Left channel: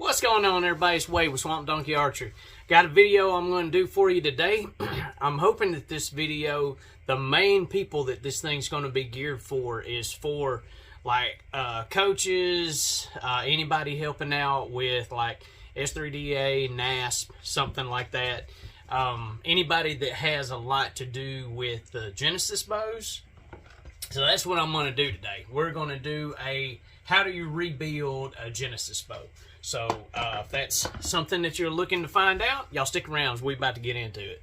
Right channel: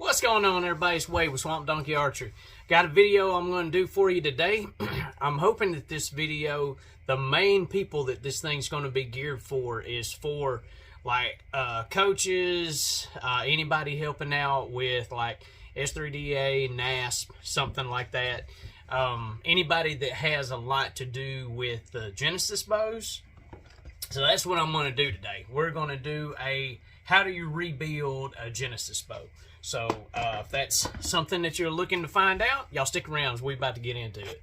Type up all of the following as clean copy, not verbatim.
What's going on, everybody? It's Wade with Swamp Donkey Archery. Got a video I'm going to do for you today. I'm hoping that this video, the main people that this thing's going to be geared for is for like coaches, anybody helping out with like S3DA, NASP, something like that. Anybody that has a lot to do with the Genesis bows. So that's what I'm going to do today. We're going to do a how do you rebuild a Genesis bow. So if that's something that you're looking to find out, y'all stick around as we're about to get into it.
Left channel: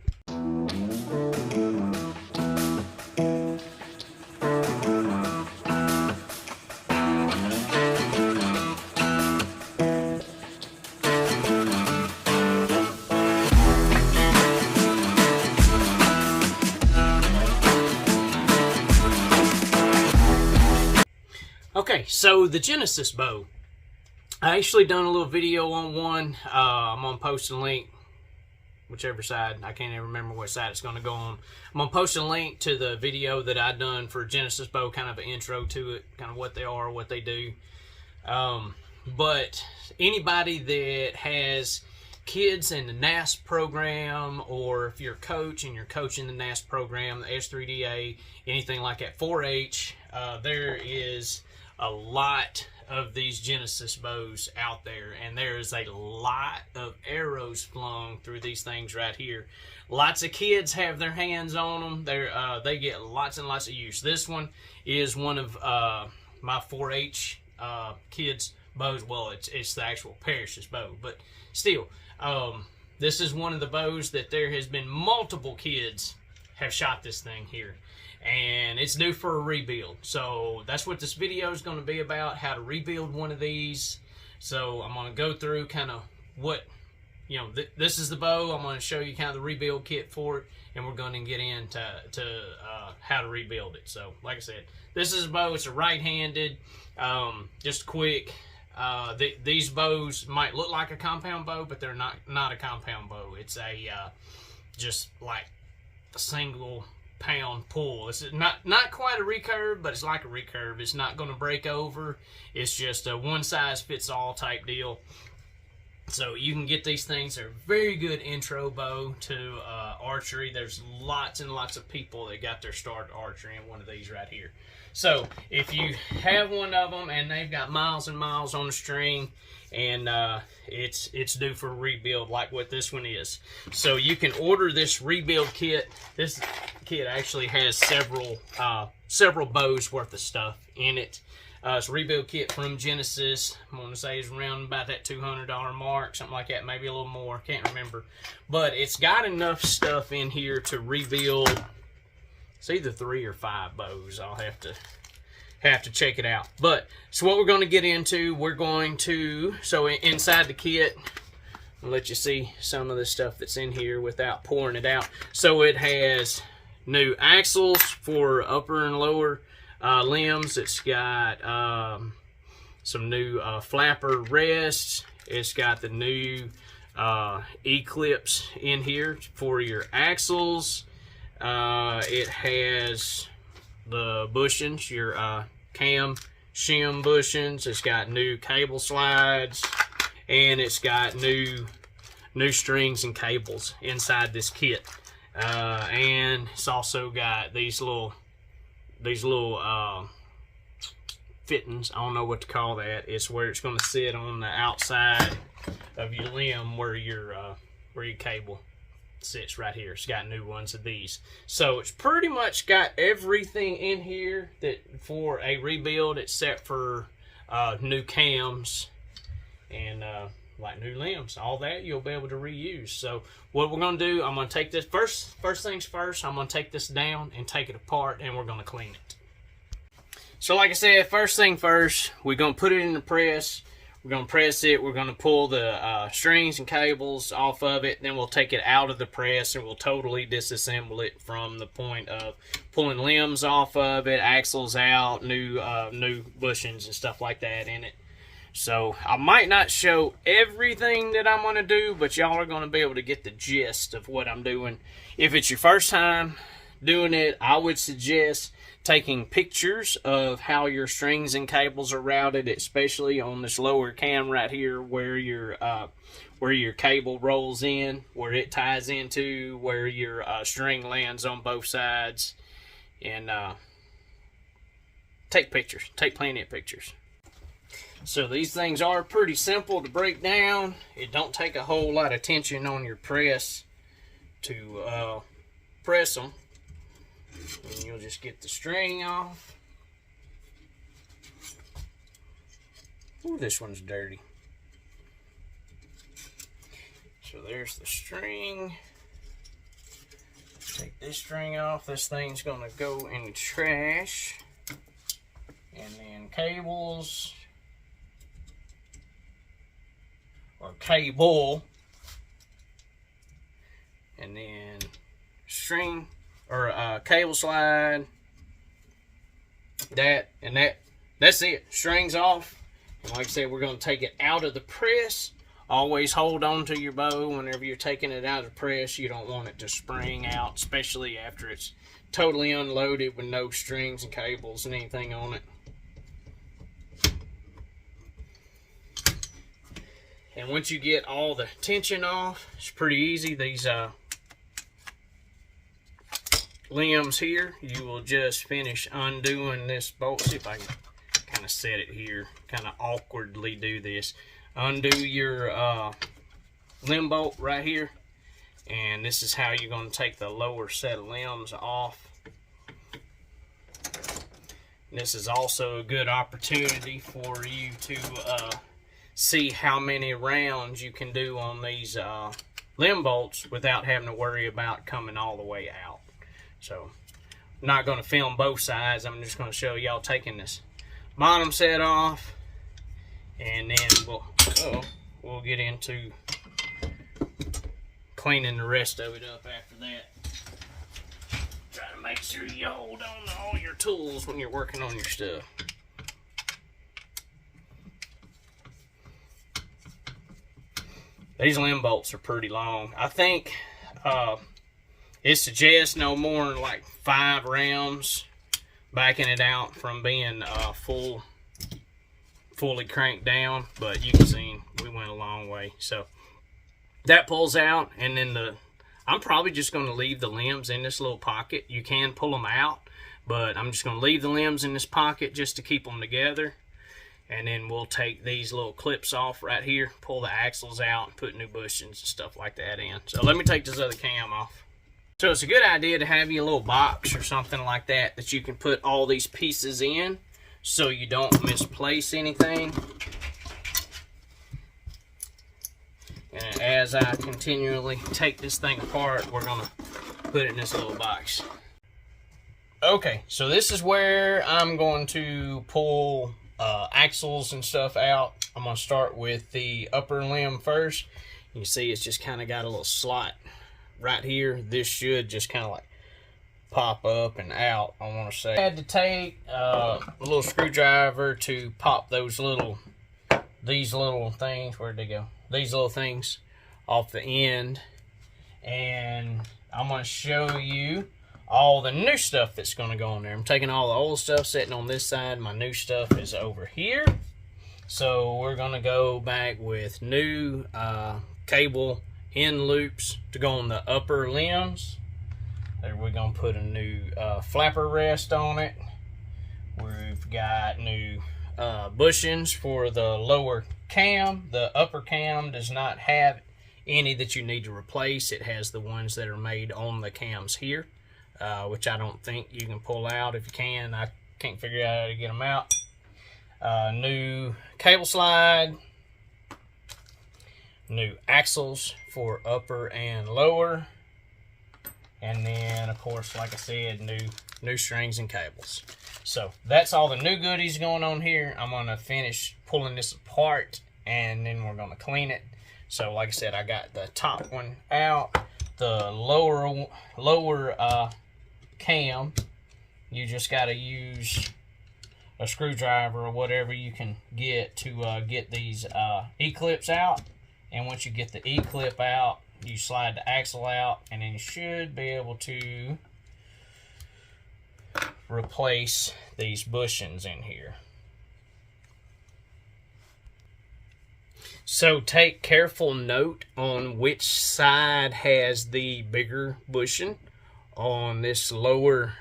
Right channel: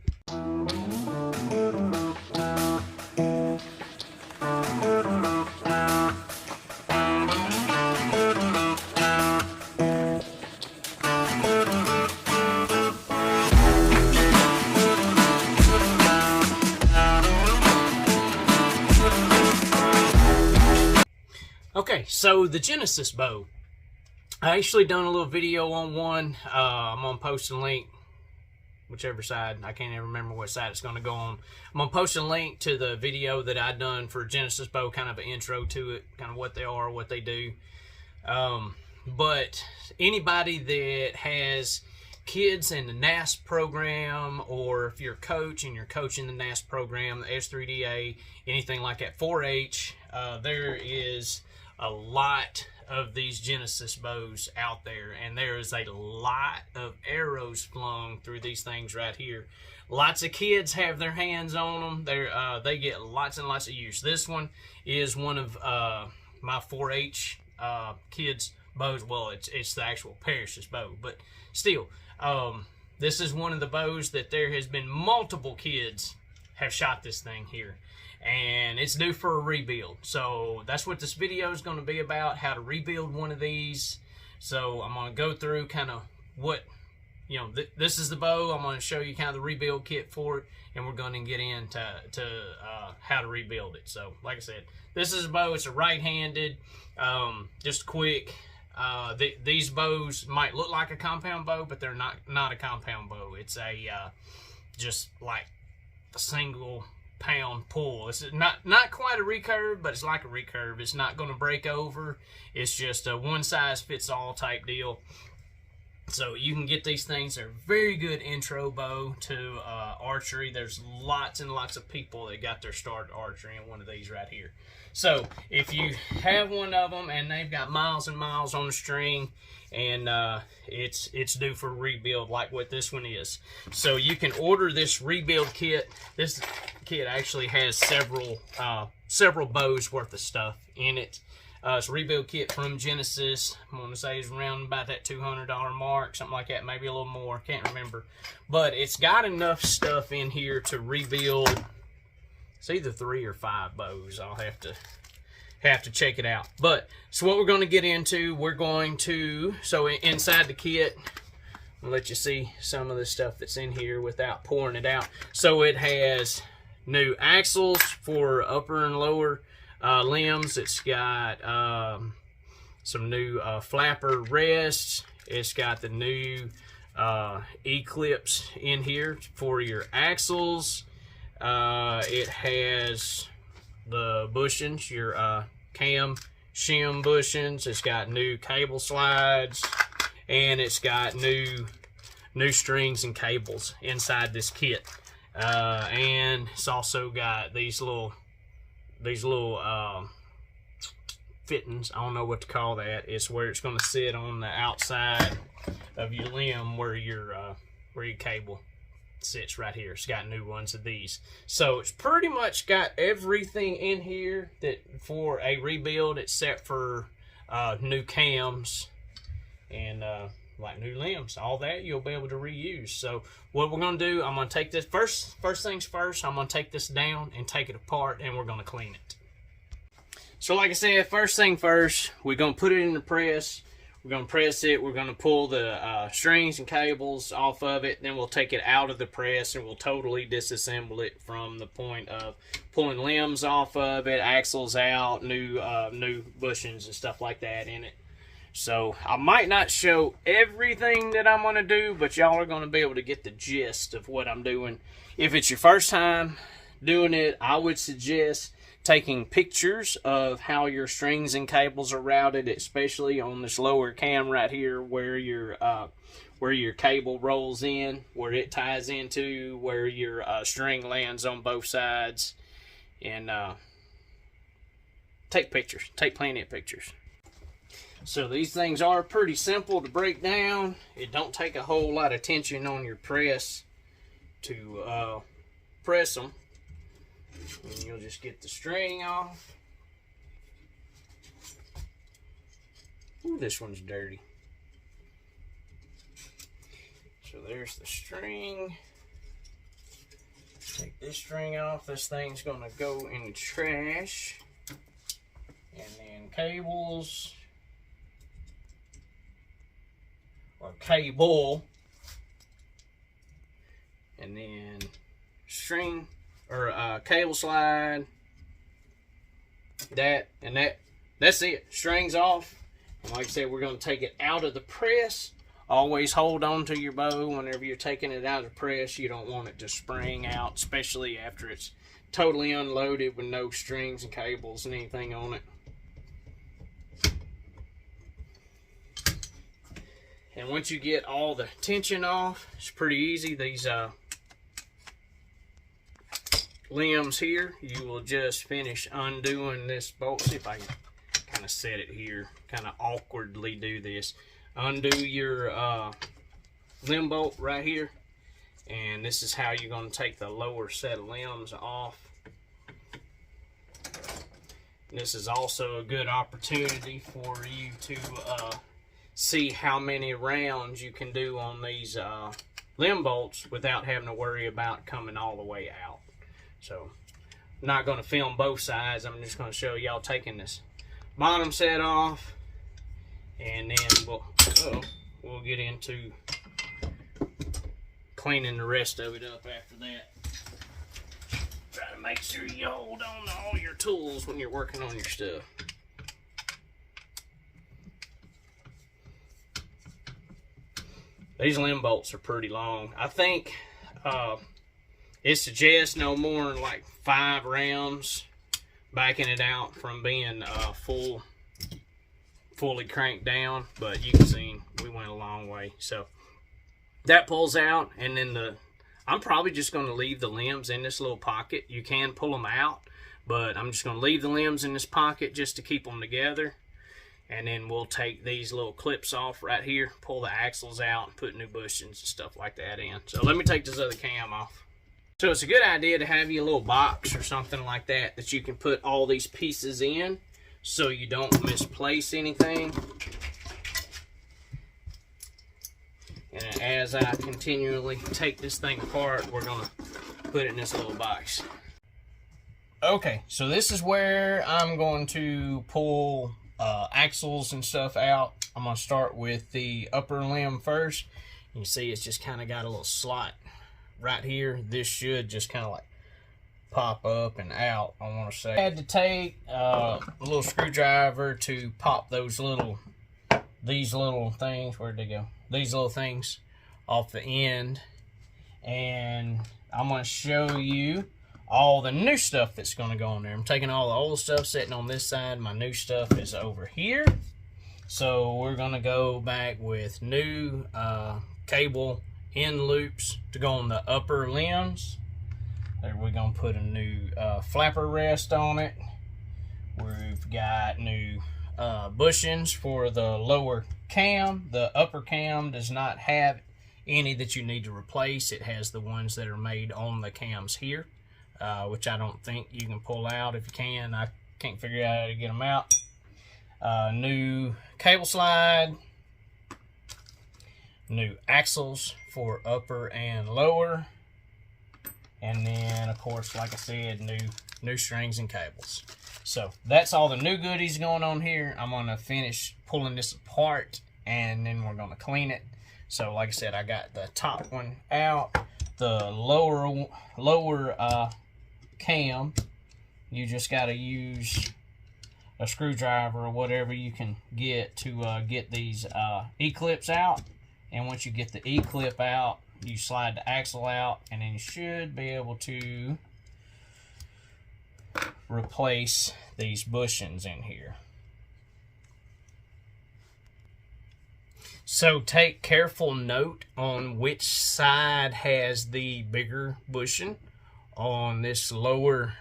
Okay, so the Genesis bow. I actually done a little video on one. I'm going to post a link, whichever side. I can't even remember what side it's going to go on. I'm going to post a link to the video that I done for Genesis bow, kind of an intro to it, kind of what they are, what they do. But anybody that has kids in the NASP program, or if you're a coach and you're coaching the NASP program, the S3DA, anything like that, 4-H, there is a lot of these Genesis bows out there, and there is a lot of arrows flung through these things right here. Lots of kids have their hands on them. They get lots and lots of use. This one is one of my 4-H kids bows. Well, it's the actual Parrish's bow, but still, this is one of the bows that there has been multiple kids have shot this thing here, and it's due for a rebuild. So that's what this video is going to be about, how to rebuild one of these. So I'm going to go through kind of what, you know, this is the bow. I'm going to show you kind of the rebuild kit for it, and we're going to get into how to rebuild it. So like I said, this is a bow. It's a right-handed, just quick. These bows might look like a compound bow, but they're not a compound bow. It's a just like a single pound pull. It's not quite a recurve, but it's like a recurve. It's not going to break over. It's just a one size fits all type deal. So you can get these things. They're a very good intro bow to archery. There's lots and lots of people that got their start archery in one of these right here. So if you have one of them and they've got miles and miles on the string, and it's due for a rebuild like what this one is. So you can order this rebuild kit. This kit actually has several bows worth of stuff in it. It's a rebuild kit from Genesis. I'm going to say it's around about that $200 mark, something like that, maybe a little more, can't remember. But it's got enough stuff in here to rebuild. It's either 3 or 5 bows. I'll have to check it out. But so what we're going to get into, we're going to, so inside the kit, I'll let you see some of the stuff that's in here without pouring it out. So it has new axles for upper and lower limbs. It's got some new flapper rests. It's got the new E-clips in here for your axles. It has the bushings, your cam shim bushings. It's got new cable slides, and it's got new strings and cables inside this kit. And it's also got these little fittings. I don't know what to call that. It's where it's going to sit on the outside of your limb where your cable sits right here. It's got new ones of these. So it's pretty much got everything in here that for a rebuild, except for new cams and like new limbs. All that you'll be able to reuse. So what we're going to do, I'm going to take this first things first. I'm going to take this down and take it apart, and we're going to clean it. So like I said, first thing first, we're going to put it in the press. We're going to press it. We're going to pull the strings and cables off of it. Then we'll take it out of the press, and we'll totally disassemble it from the point of pulling limbs off of it, axles out, new bushings and stuff like that in it. So I might not show everything that I'm going to do, but y'all are going to be able to get the gist of what I'm doing. If it's your first time doing it, I would suggest taking pictures of how your strings and cables are routed, especially on this lower cam right here where your cable rolls in, where it ties into, where your string lands on both sides. And take pictures. Take plenty of pictures. So these things are pretty simple to break down. It don't take a whole lot of tension on your press to press them. And you'll just get the string off. Ooh, this one's dirty. So there's the string. Take this string off. This thing's gonna go in the trash. And then cables, or cable, and then string, or cable slide, that's it. Strings off. And like I said, we're going to take it out of the press. Always hold on to your bow whenever you're taking it out of the press. You don't want it to spring out, especially after it's totally unloaded with no strings and cables and anything on it. And once you get all the tension off, it's pretty easy. These limbs here, you will just finish undoing this bolt. See if I can kind of set it here, kind of awkwardly do this. Undo your limb bolt right here, and this is how you're going to take the lower set of limbs off. This is also a good opportunity for you to see how many rounds you can do on these limb bolts without having to worry about coming all the way out. So I'm not going to film both sides. I'm just going to show y'all taking this bottom set off, and then we'll get into cleaning the rest of it up after that. Try to make sure you hold on to all your tools when you're working on your stuff. These limb bolts are pretty long. I think it suggests no more than like 5 rounds, backing it out from being fully cranked down. But you can see we went a long way. So that pulls out, and then I'm probably just going to leave the limbs in this little pocket. You can pull them out, but I'm just going to leave the limbs in this pocket just to keep them together. And then we'll take these little clips off right here, pull the axles out, and put new bushings and stuff like that in. So let me take this other cam off. So it's a good idea to have you a little box or something like that that you can put all these pieces in so you don't misplace anything. And as I continually take this thing apart, we're going to put it in this little box. Okay, so this is where I'm going to pull axles and stuff out. I'm going to start with the upper limb first. You can see it's just kind of got a little slot right here. This should just kind of like pop up and out, I want to say. I had to take a little screwdriver to pop these little things. Where'd they go? These little things off the end. And I'm going to show you all the new stuff that's going to go on there. I'm taking all the old stuff sitting on this side. My new stuff is over here. So we're going to go back with new cable end loops to go on the upper limbs. There we're going to put a new flapper rest on it. We've got new bushings for the lower cam. The upper cam does not have any that you need to replace. It has the ones that are made on the cams here. Which I don't think you can pull out. If you can, I can't figure out how to get them out. New cable slide, new axles for upper and lower, and then of course, like I said, new strings and cables. So that's all the new goodies going on here. I'm gonna finish pulling this apart, and then we're gonna clean it. So like I said, I got the top one out, the lower cam. You just got to use a screwdriver or whatever you can get to get these E-clips out. And once you get the E-clip out, you slide the axle out, and then you should be able to replace these bushings in here. So take careful note on which side has the bigger bushing on this lower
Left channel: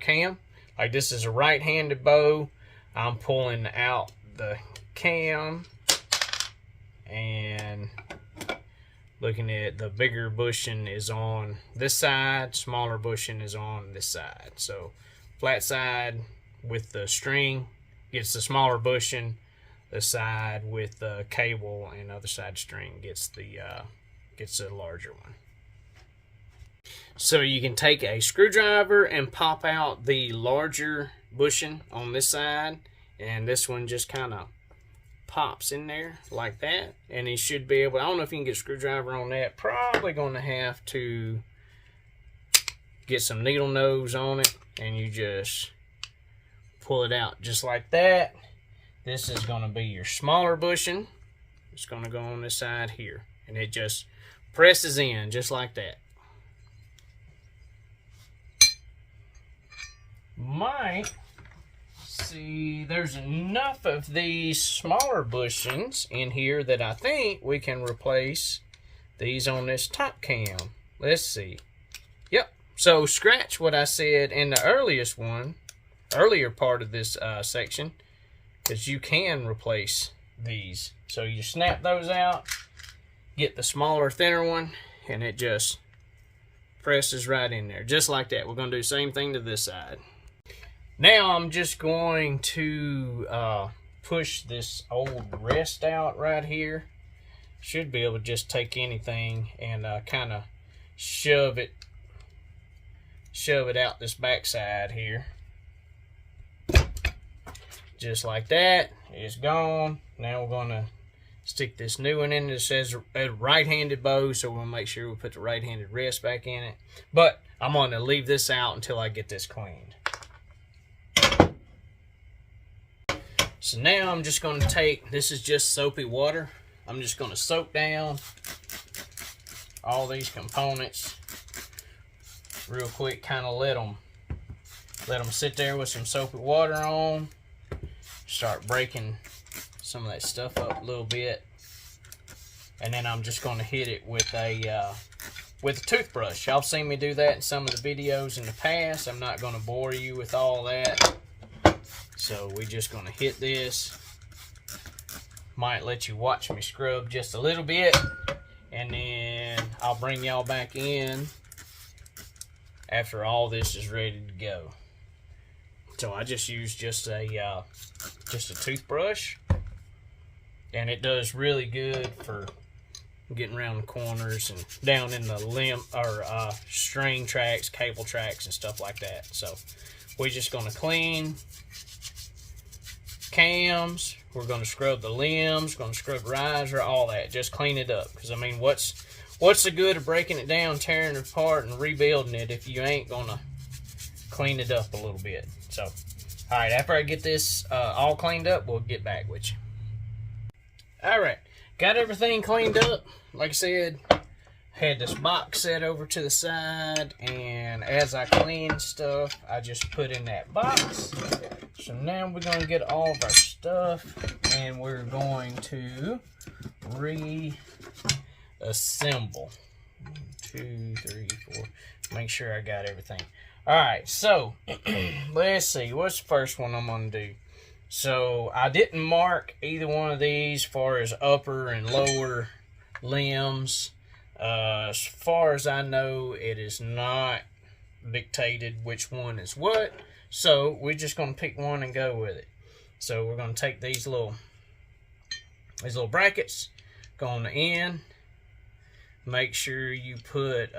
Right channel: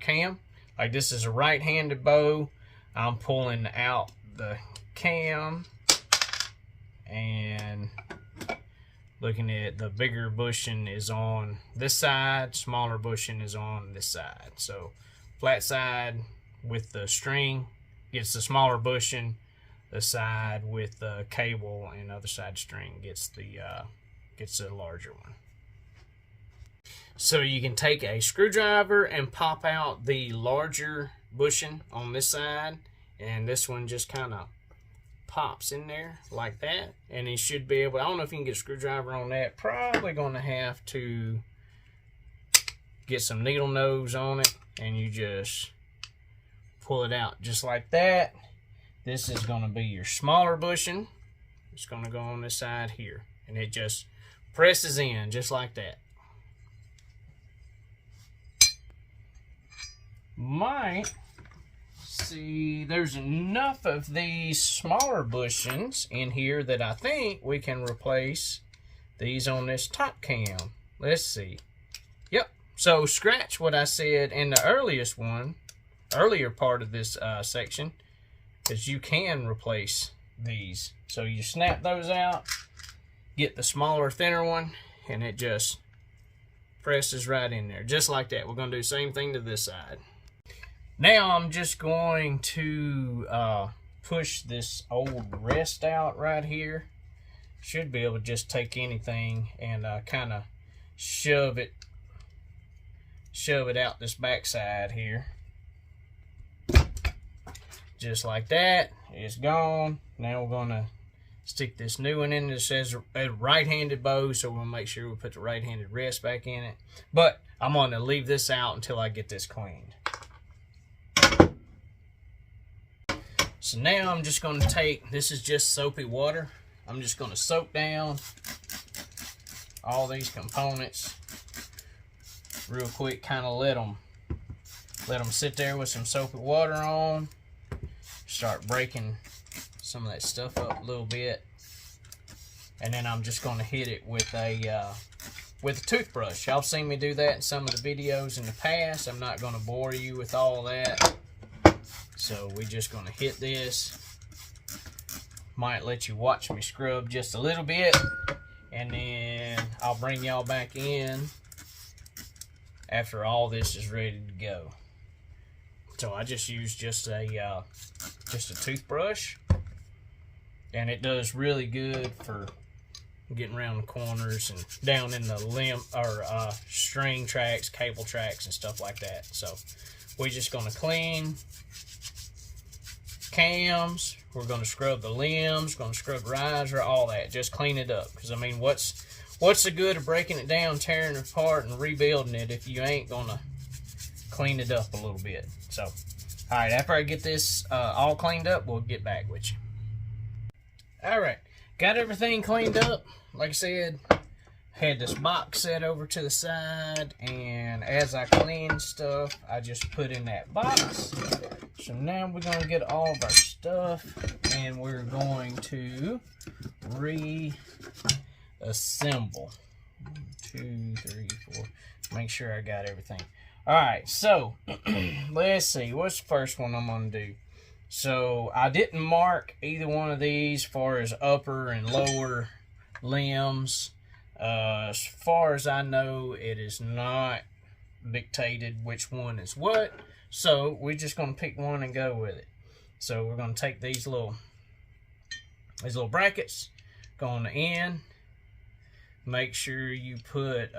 cam. Like this is a right-handed bow. I'm pulling out the cam and looking at the bigger bushing is on this side, smaller bushing is on this side. So flat side with the string gets the smaller bushing. The side with the cable and other side string gets the larger one. So you can take a screwdriver and pop out the larger bushing on this side, and this one just kind of pops in there like that, and you should be able, I don't know if you can get a screwdriver on that, probably going to have to get some needle nose on it, and you just pull it out just like that. This is going to be your smaller bushing. It's going to go on this side here, and it just presses in just like that. Might see there's enough of these smaller bushings in here that I think we can replace these on this top cam. Let's see. Yep. So scratch what I said in the earlier part of this section, is you can replace these. So you snap those out, get the smaller, thinner one, and it just presses right in there, just like that. We're going to do the same thing to this side. Now I'm just going to push this old rest out right here. Should be able to just take anything and kind of shove it out this backside here. Just like that. It's gone. Now we're going to stick this new one in. It says a right-handed bow, so we'll make sure we put the right-handed rest back in it. But I'm going to leave this out until I get this cleaned. So now I'm just going to take, this is just soapy water. I'm just going to soak down all these components real quick, kind of let them sit there with some soapy water on. Start breaking some of that stuff up a little bit, and then I'm just going to hit it with a toothbrush. Y'all seen me do that in some of the videos in the past. I'm not going to bore you with all that. So we're just going to hit this. Might let you watch me scrub just a little bit, and then I'll bring y'all back in after all this is ready to go. So I just use just a toothbrush, and it does really good for getting around the corners and down in the limb or string tracks, cable tracks, and stuff like that. So we're just going to clean cams. We're going to scrub the limbs, going to scrub the riser, all that. Just clean it up, because I mean, what's the good of breaking it down, tearing it apart, and rebuilding it if you ain't going to clean it up a little bit? So, all right, after I get this all cleaned up, we'll get back with you. All right, got everything cleaned up. Like I said, had this box set over to the side, and as I clean stuff, I just put in that box. So now we're going to get all of our stuff, and we're going to reassemble. 1, 2, 3, 4. Make sure I got everything. Alright, so let's see. What's the first one I'm going to do? So I didn't mark either one of these as far as upper and lower limbs. As far as I know, it is not dictated which one is what. So we're just going to pick one and go with it. So we're going to take these little brackets, go on the end. Make sure you put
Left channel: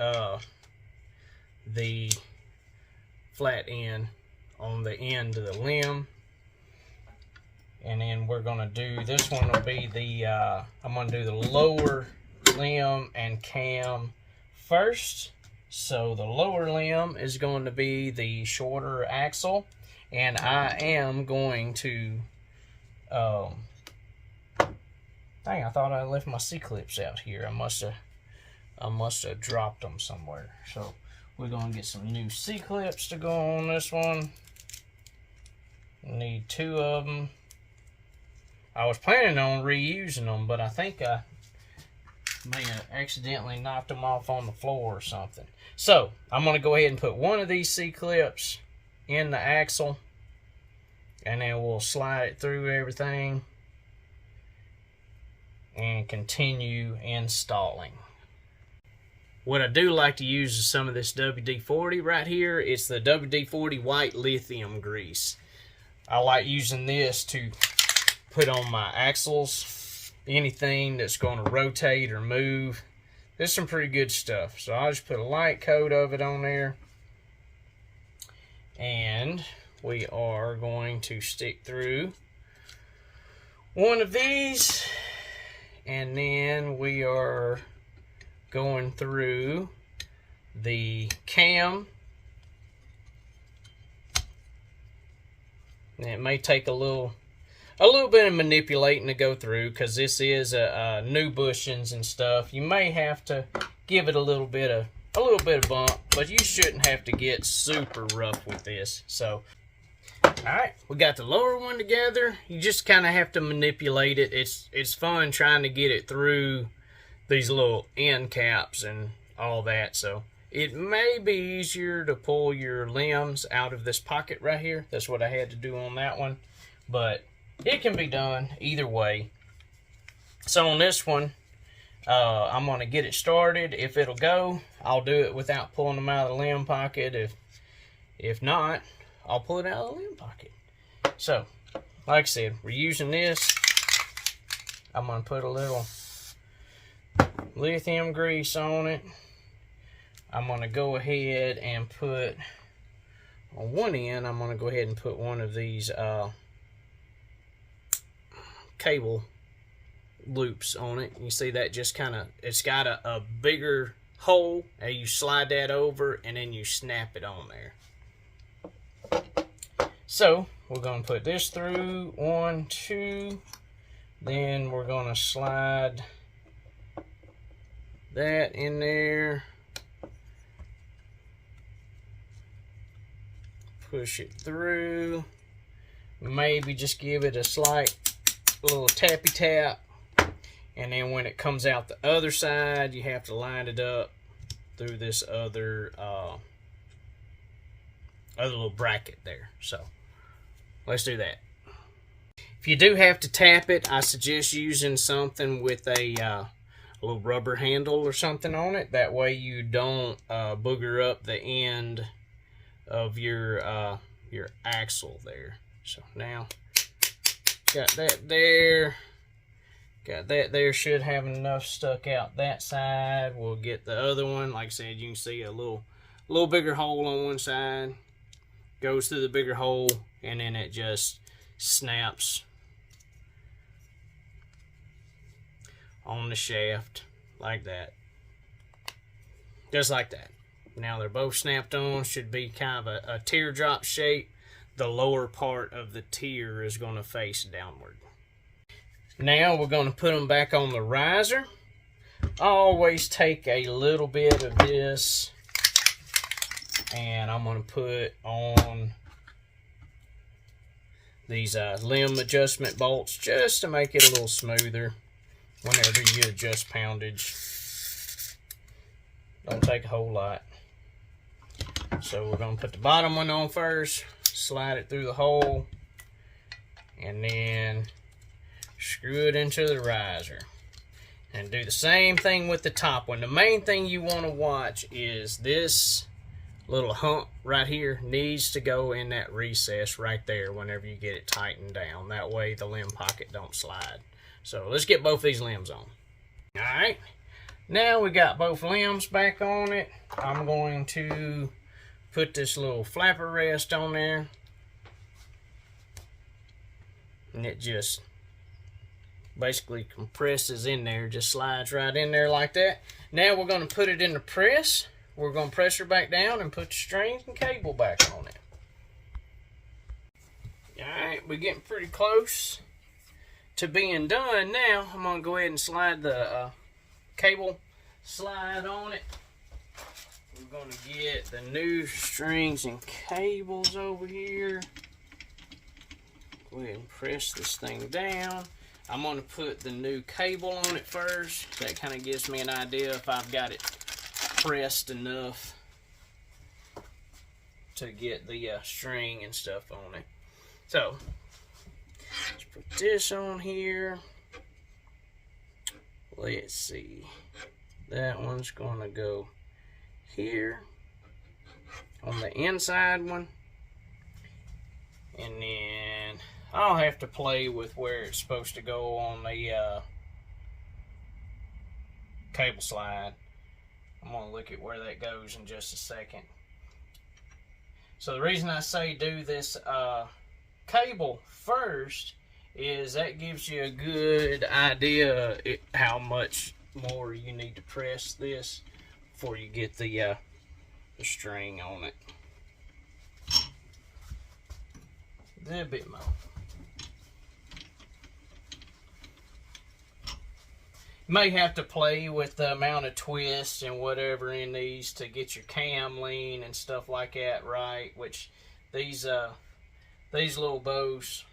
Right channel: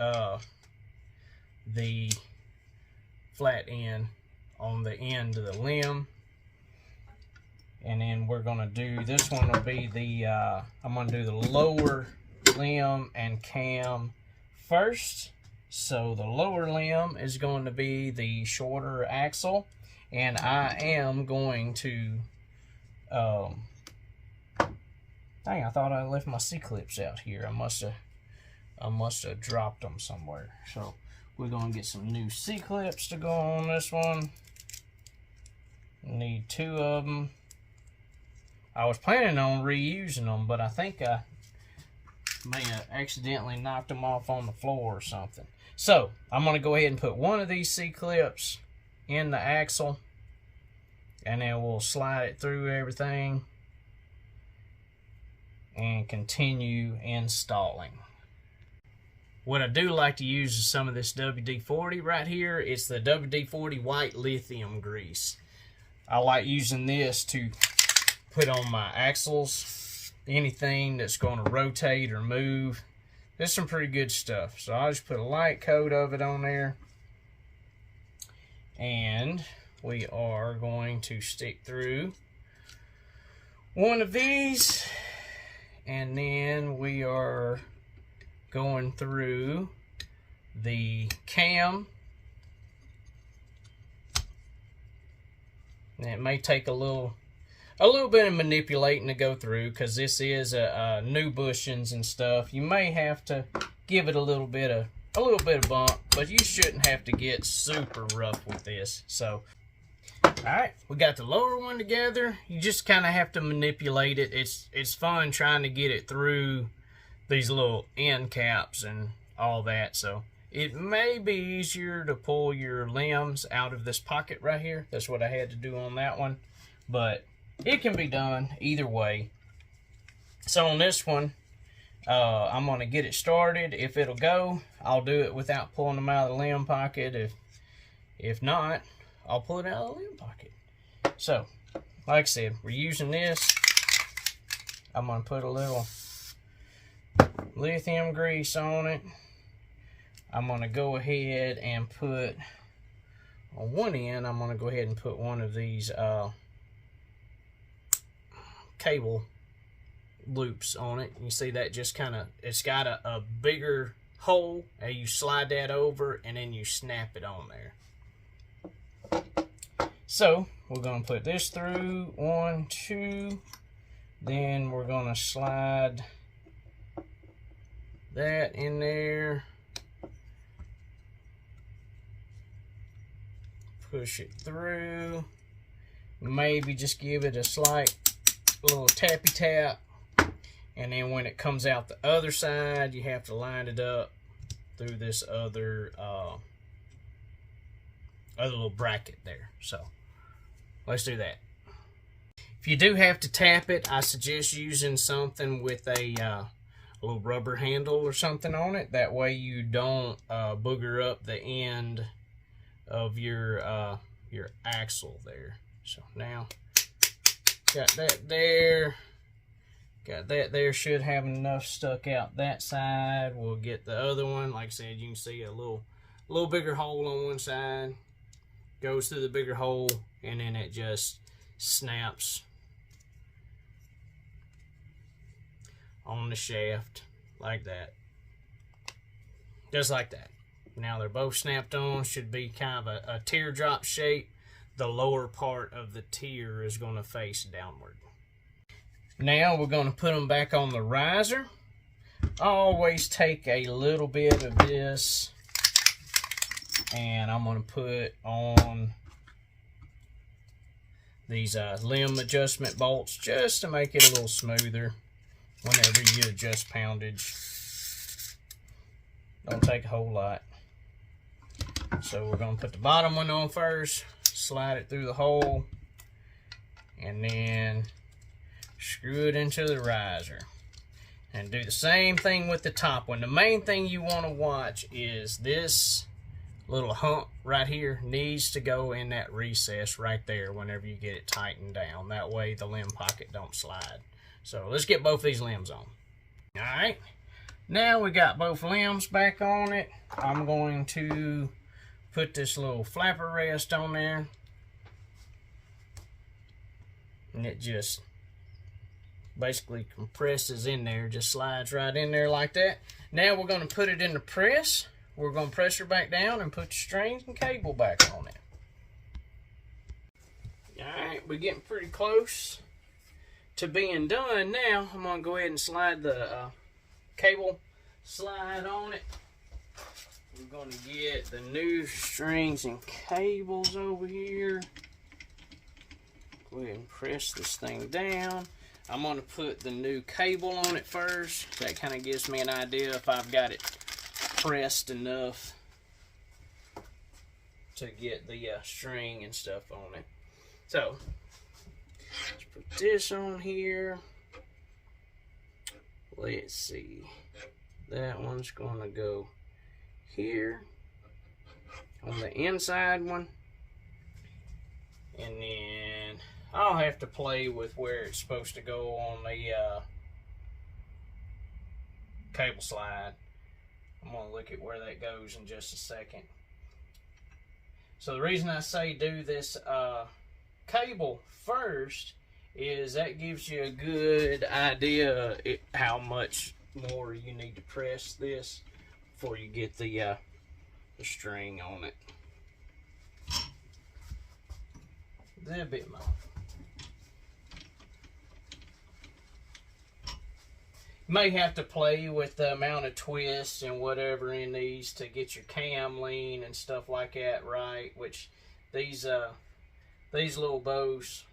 the flat end on the end of the limb. And then we're going to do, this one will be the, I'm going to do the lower limb and cam first. So the lower limb is going to be the shorter axle, and I am going to, dang, I thought I left my C-clips out here. I must have dropped them somewhere. So We're going to get some new C-clips to go on this one. Need 2 of them. I was planning on reusing them, but I think I may have accidentally knocked them off on the floor or something. So, I'm going to go ahead and put one of these C-clips in the axle, and then we'll slide it through everything and continue installing. What I do like to use is some of this WD-40 right here. It's the WD-40 white lithium grease. I like using this to put on my axles, anything that's going to rotate or move. There's some pretty good stuff. So I'll just put a light coat of it on there. And we are going to stick through one of these. And then we are going through the cam. And it may take a little bit of manipulating to go through, because this is new bushings and stuff. You may have to give it a little bit of bump, but you shouldn't have to get super rough with this. So, all right, we got the lower one together. You just kind of have to manipulate it. It's fun trying to get it through these little end caps and all that. So it may be easier to pull your limbs out of this pocket right here. That's what I had to do on that one, but it can be done either way. So on this one, I'm going to get it started. If it'll go, I'll do it without pulling them out of the limb pocket. If not, I'll pull it out of the limb pocket. So, like I said, we're using this. I'm going to put a little lithium grease on it. I'm going to go ahead and put, on one end, I'm going to go ahead and put one of these cable loops on it. You see that just kind of, it's got a bigger hole, and you slide that over and then you snap it on there. So we're going to put this through, 1, 2, then we're going to slide that in there, push it through, maybe just give it a slight little tappy tap, and then when it comes out the other side, you have to line it up through this other little bracket there. So let's do that. If you do have to tap it, I suggest using something with a little rubber handle or something on it. That way you don't booger up the end of your axle there. So now, got that there. Got that there. Should have enough stuck out that side. We'll get the other one. Like I said, you can see a little bigger hole on one side. Goes through the bigger hole, and then it just snaps on the shaft like that. Just like that. Now they're both snapped on. Should be kind of a teardrop shape. The lower part of the tear is going to face downward. Now we're going to put them back on the riser. I always take a little bit of this and I'm going to put on these limb adjustment bolts just to make it a little smoother whenever you adjust poundage. Don't take a whole lot. So we're going to put the bottom one on first, slide it through the hole, and then screw it into the riser. And do the same thing with the top one. The main thing you want to watch is this little hump right here needs to go in that recess right there whenever you get it tightened down. That way the limb pocket don't slide. So let's get both these limbs on. Alright, now we got both limbs back on it. I'm going to put this little flapper rest on there. And it just basically compresses in there, just slides right in there like that. Now we're going to put it in the press. We're going to press her back down and put the strings and cable back on it. Alright, we're getting pretty close to being done now. I'm going to go ahead and slide the cable slide on it we're going to get the new strings and cables over here. Go ahead and press this thing down. I'm going to put the new cable on it first. That kind of gives me an idea if I've got it pressed enough to get the string and stuff on it. So, let's put this on here. Let's see. That one's going to go here on the inside one. And then I'll have to play with where it's supposed to go on the cable slide. I'm going to look at where that goes in just a second. So the reason I say do this cable first is that gives you a good idea how much more you need to press this before you get the string on it. A little bit more. You may have to play with the amount of twists and whatever in these to get your cam lean and stuff like that right, which these little bows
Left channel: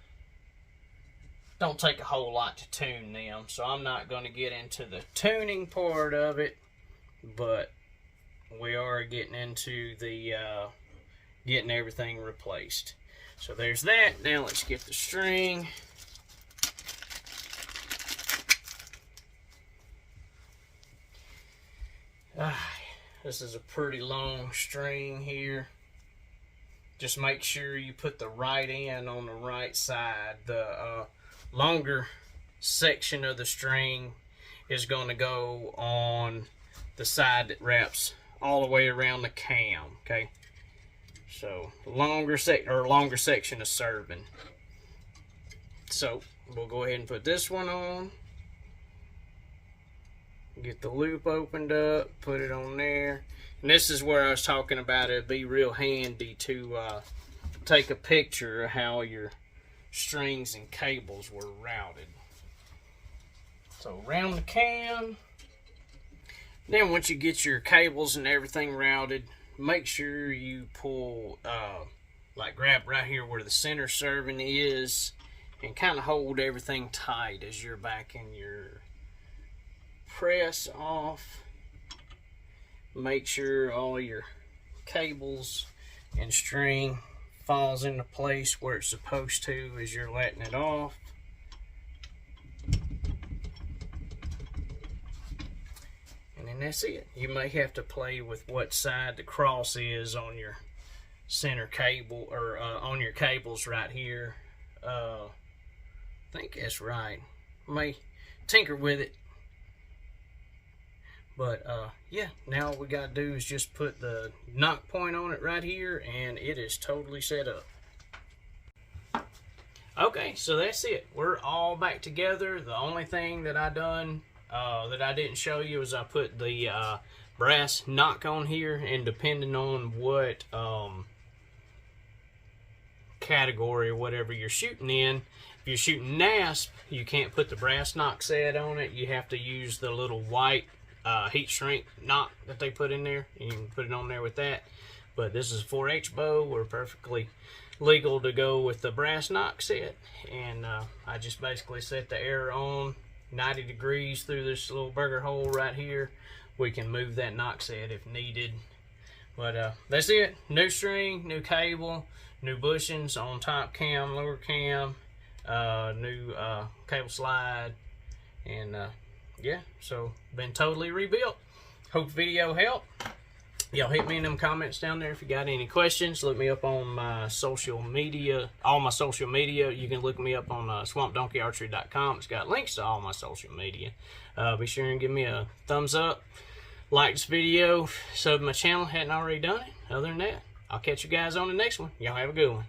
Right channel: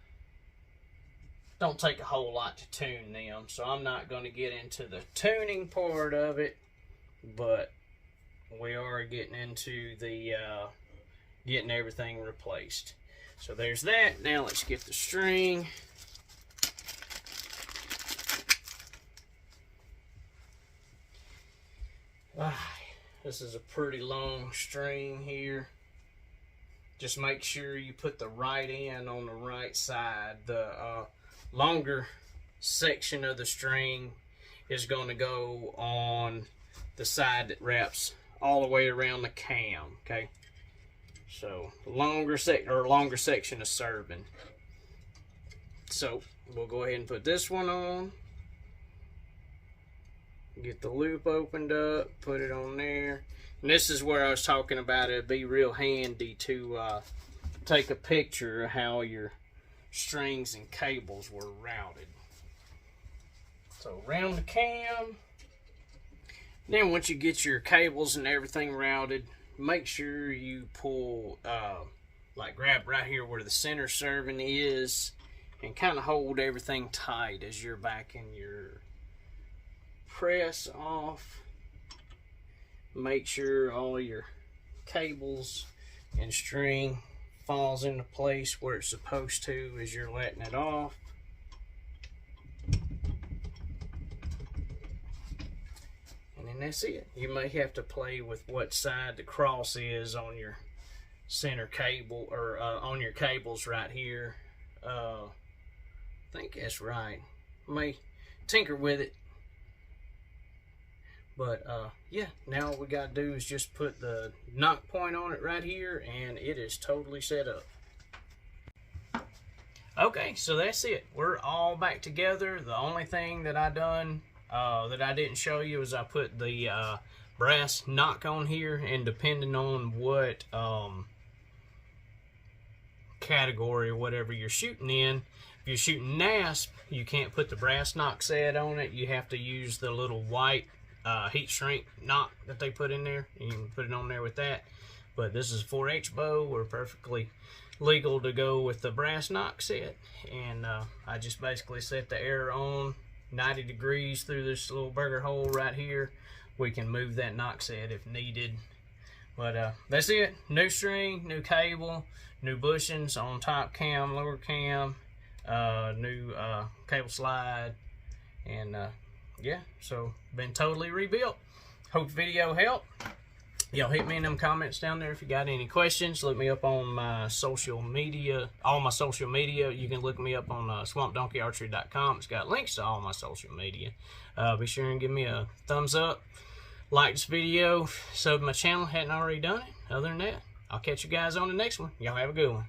don't take a whole lot to tune them, so I'm not going to get into the tuning part of it, but we are getting into the getting everything replaced. So there's that. Now let's get the string. This is a pretty long string here. Just make sure you put the right end on the right side. The longer section of the string is going to go on the side that wraps all the way around the cam. Okay, so longer section is serving. So we'll go ahead and put this one on. Get the loop opened up, put it on there. And this is where I was talking about it'd be real handy to take a picture of how your strings and cables were routed. So around the cam. Then once you get your cables and everything routed, make sure you pull, like grab right here where the center serving is and kind of hold everything tight as you're backing your press off. Make sure all your cables and string falls into place where it's supposed to as you're letting it off. And then that's it. You may have to play with what side the cross is on your center cable, or on your cables right here. I think that's right. May tinker with it. But yeah, now all we got to do is just put the knock point on it right here, and it is totally set up. Okay, so that's it. We're all back together. The only thing that I done that I didn't show you is I put the brass knock on here, and depending on what category or whatever you're shooting in, if you're shooting NASP, you can't put the brass knock set on it. You have to use the little white heat shrink knot that they put in there. You can put it on there with that. But this is a 4H bow. We're perfectly legal to go with the brass knock set. And I just basically set the air on 90 degrees through this little burger hole right here. We can move that knock set if needed. But that's it. New string, new cable, new bushings on top cam, lower cam, new cable slide, and yeah, so been totally rebuilt. Hope the video helped. Y'all hit me in them comments down there if you got any questions. Look me up on my social media, all my social media. You can look me up on swampdonkeyarchery.com. It's got links to all my social media. Be sure and give me a thumbs up, like this video, sub my channel, hadn't already done it. Other than that, I'll catch you guys on the next one. Y'all have a good one.